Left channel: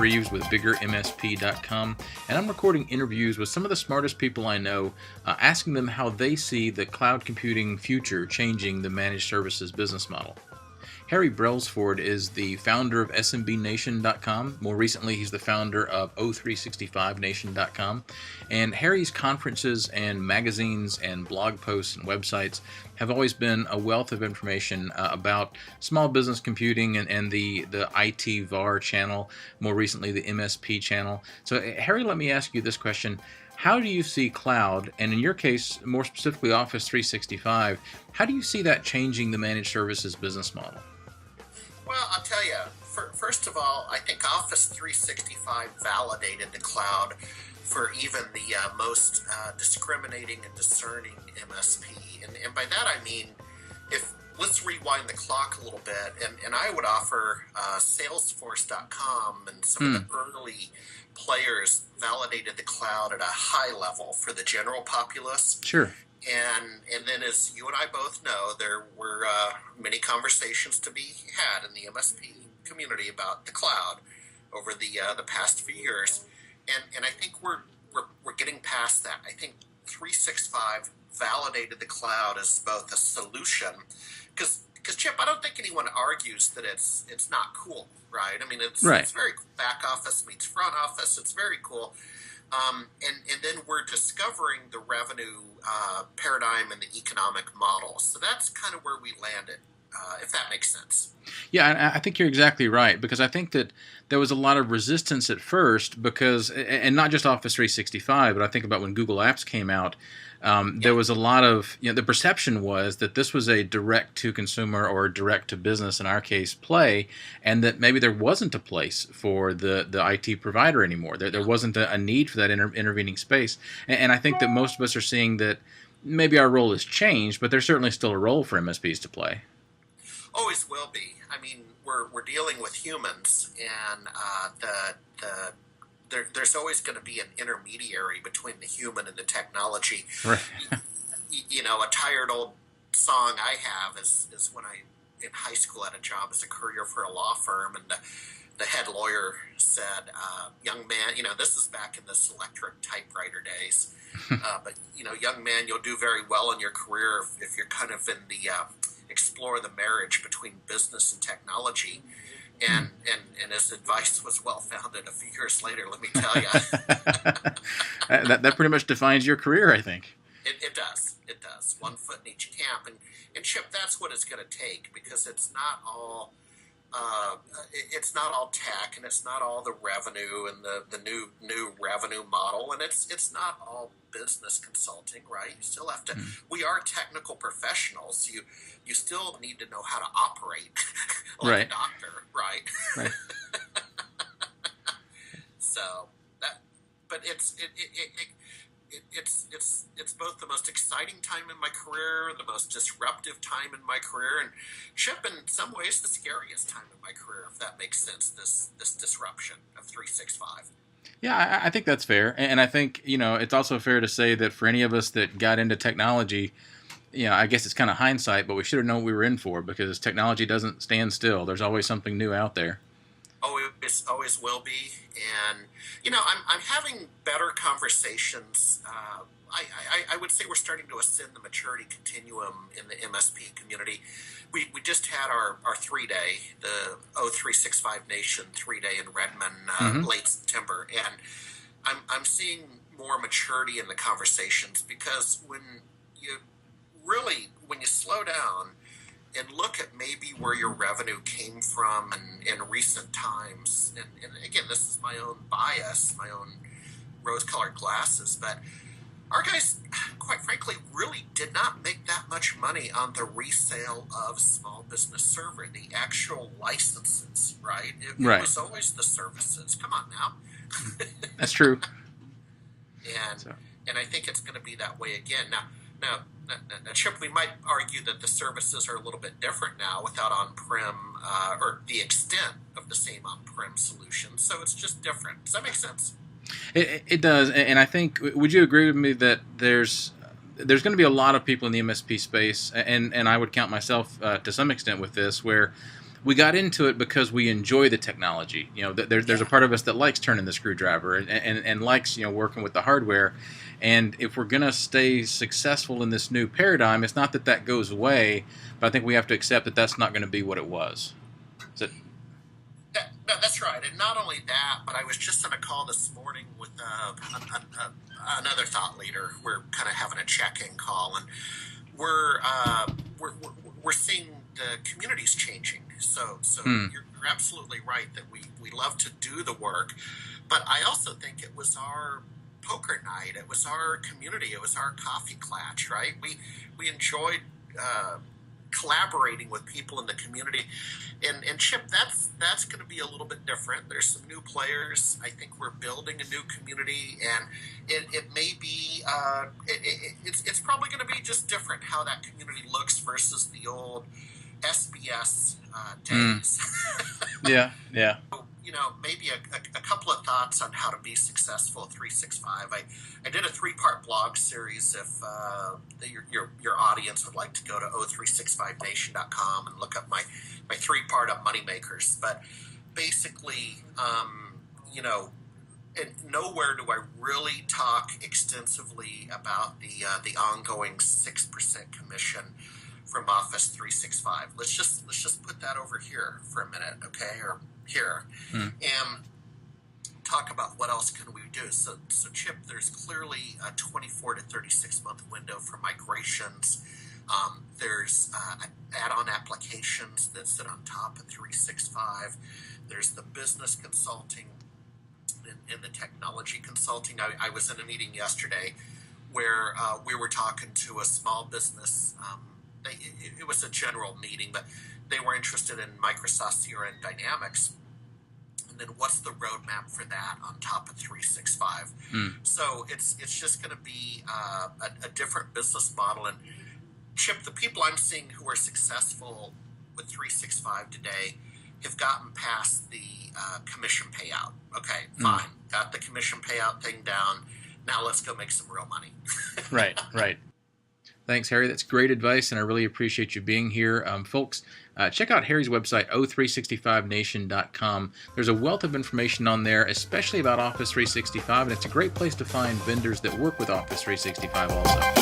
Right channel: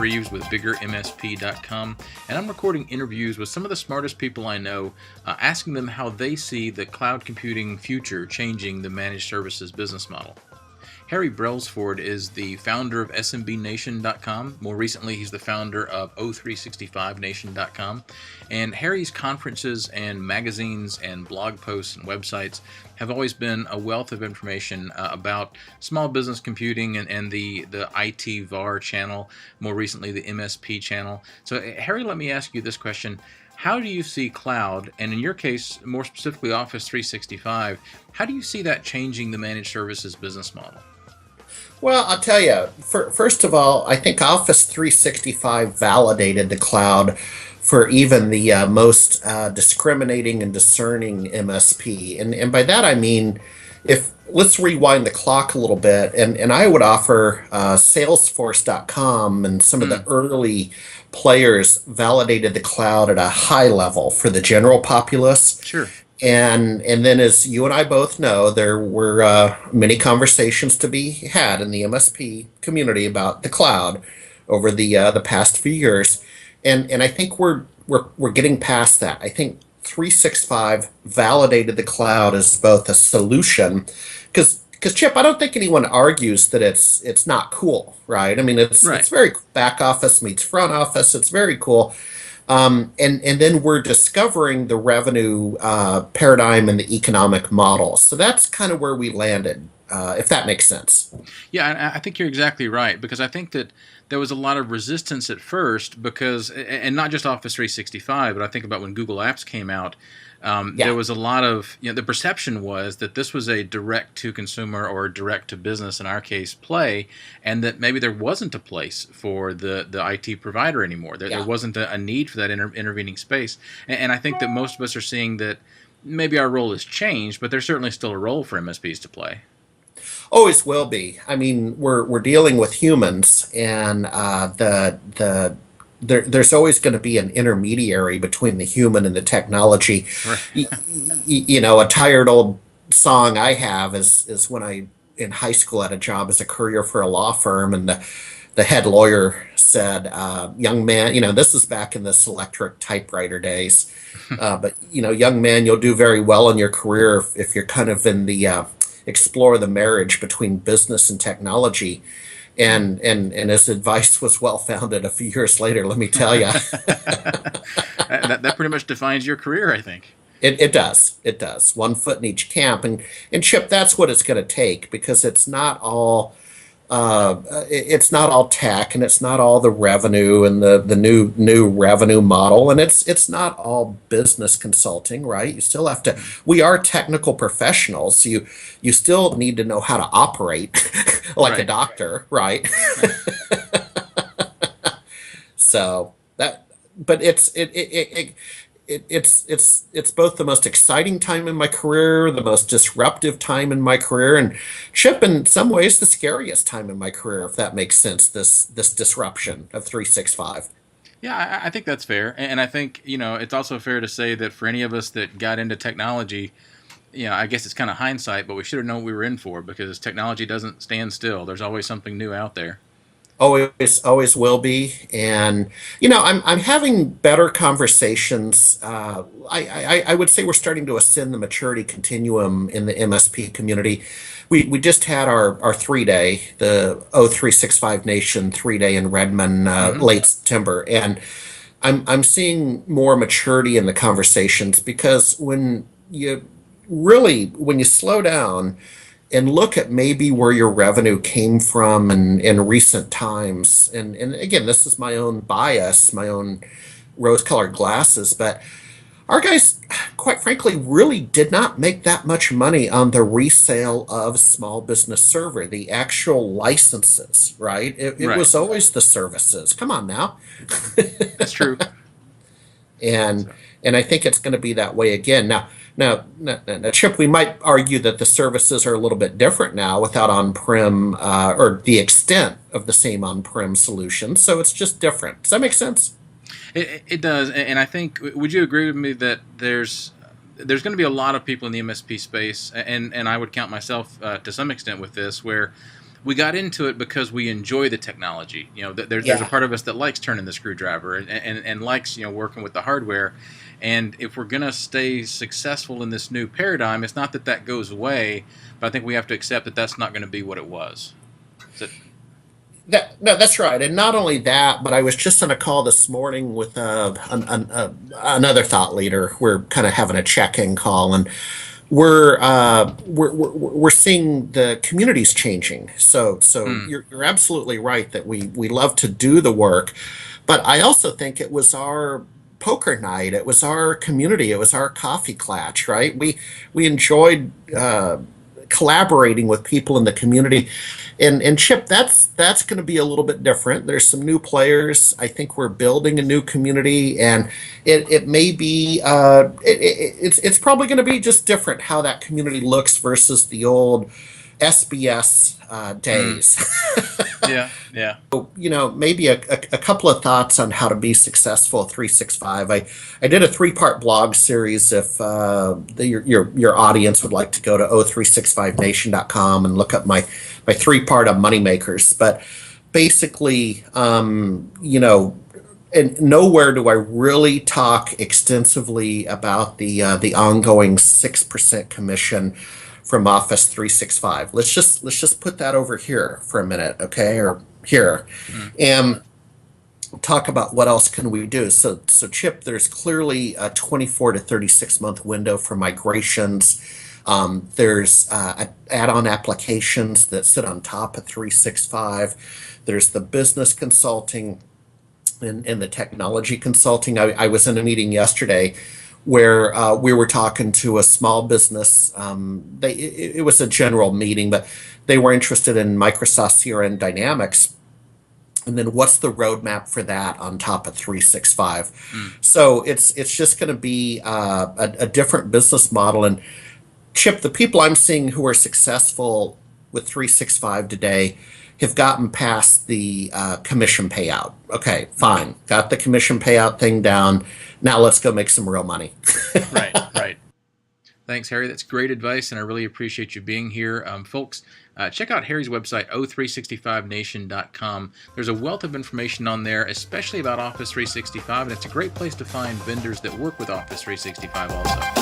Reaves with biggermsp.com, and I'm recording interviews with some of the smartest people I know, asking them how they see the cloud computing future changing the managed services business model. Harry Brelsford is the founder of SMBNation.com. More recently, he's the founder of O365Nation.com. And Harry's conferences and magazines and blog posts and websites have always been a wealth of information about small business computing and the IT VAR channel, more recently the MSP channel. So, Harry, let me ask you this question. How do you see cloud, and in your case, more specifically Office 365, how do you see that changing the managed services business model? Well, I'll tell you, first of all, I think Office 365 validated the cloud for even the most discriminating and discerning MSP. And by that I mean, if let's rewind the clock a little bit, and I would offer Salesforce.com and some of the early players validated the cloud at a high level for the general populace. Sure. And then, as you and I both know, there were many conversations to be had in the MSP community about the cloud over the past few years, and I think we're getting past that. I think 365 validated the cloud as both a solution, because Chip, I don't think anyone argues that it's not cool, right? I mean, it's very back office meets front office. It's very cool. And then we're discovering the revenue paradigm and the economic model. So that's kind of where we landed, if that makes sense. Yeah, I think you're exactly right, because I think that there was a lot of resistance at first because, and not just Office 365, but I think about when Google Apps came out, there was a lot of, the perception was that this was a direct-to-consumer or direct-to-business, in our case, play, and that maybe there wasn't a place for the IT provider anymore. There wasn't a need for that intervening space. And I think that most of us are seeing that maybe our role has changed, but there's certainly still a role for MSPs to play. Always will be. I mean, we're dealing with humans, and there's always going to be an intermediary between the human and the technology. Right. A tired old song I have is when I, in high school, had a job as a courier for a law firm, and the head lawyer said, young man, this is back in the electric typewriter days, but, young man, you'll do very well in your career if you're kind of in the explore the marriage between business and technology. And his advice was well-founded a few years later, let me tell you. that pretty much defines your career, I think. It does. It does. One foot in each camp. And Chip, that's what it's going to take, because it's not all tech, and it's not all the revenue and the new revenue model, and it's not all business consulting, right? You still have to. We are technical professionals. You still need to know how to operate like a doctor, right? So that, but it's both the most exciting time in my career, the most disruptive time in my career, and Chip, in some ways, the scariest time in my career, if that makes sense, this disruption of 365. Yeah, I think that's fair. And I think, it's also fair to say that for any of us that got into technology, I guess it's kind of hindsight, but we should have known what we were in for, because technology doesn't stand still. There's always something new out there. Always will be. And, I'm having better conversations. I would say we're starting to ascend the maturity continuum in the MSP community. We just had our 3-day, the O365 Nation 3-day in Redmond, late September. And I'm seeing more maturity in the conversations, because when you slow down and look at maybe where your revenue came from in recent times, and again, this is my own bias, my own rose-colored glasses, but our guys, quite frankly, really did not make that much money on the resale of Small Business Server, the actual licenses, right? It was always the services. Come on now. That's true. And I think it's going to be that way again. Now, Chip, we might argue that the services are a little bit different now without on-prem or the extent of the same on-prem solution. So it's just different. Does that make sense? It does. And I think, would you agree with me that there's going to be a lot of people in the MSP space, and I would count myself to some extent with this, where we got into it because we enjoy the technology. There's a Yeah. part of us that likes turning the screwdriver and likes working with the hardware. And if we're gonna stay successful in this new paradigm, it's not that that goes away, but I think we have to accept that that's not going to be what it was. So, No, that's right. And not only that, but I was just on a call this morning with another thought leader. We're kind of having a check-in call, and we're seeing the communities changing. So hmm, you're absolutely right that we love to do the work, but I also think it was our poker night. It was our community. It was our coffee klatch, right? We enjoyed collaborating with people in the community. And Chip, that's going to be a little bit different. There's some new players. I think we're building a new community, and it may be it's probably going to be just different how that community looks versus the old SBS hmm, days. yeah, yeah. Maybe a couple of thoughts on how to be successful at 365. I did a three-part blog series. If your audience would like to go to o365nation.com and look up my three-part on moneymakers. But basically, and nowhere do I really talk extensively about the ongoing 6% commission from Office 365. Let's just put that over here for a minute, okay? Or here. Hmm, And talk about what else can we do. So Chip, there's clearly a 24 to 36 month window for migrations. There's add-on applications that sit on top of 365. There's the business consulting and the technology consulting. I was in a meeting yesterday where we were talking to a small business. It was a general meeting, but they were interested in Microsoft CRM Dynamics. And then what's the roadmap for that on top of 365? hmm. So it's just going to be a different business model. And Chip, the people I'm seeing who are successful with 365 today have gotten past the commission payout. Okay, Hmm. fine. Got the commission payout thing down. Now let's go make some real money. Right, right. Thanks, Harry. That's great advice, and I really appreciate you being here. Folks, check out Harry's website, o365nation.com. There's a wealth of information on there, especially about Office 365, and it's a great place to find vendors that work with Office 365 also.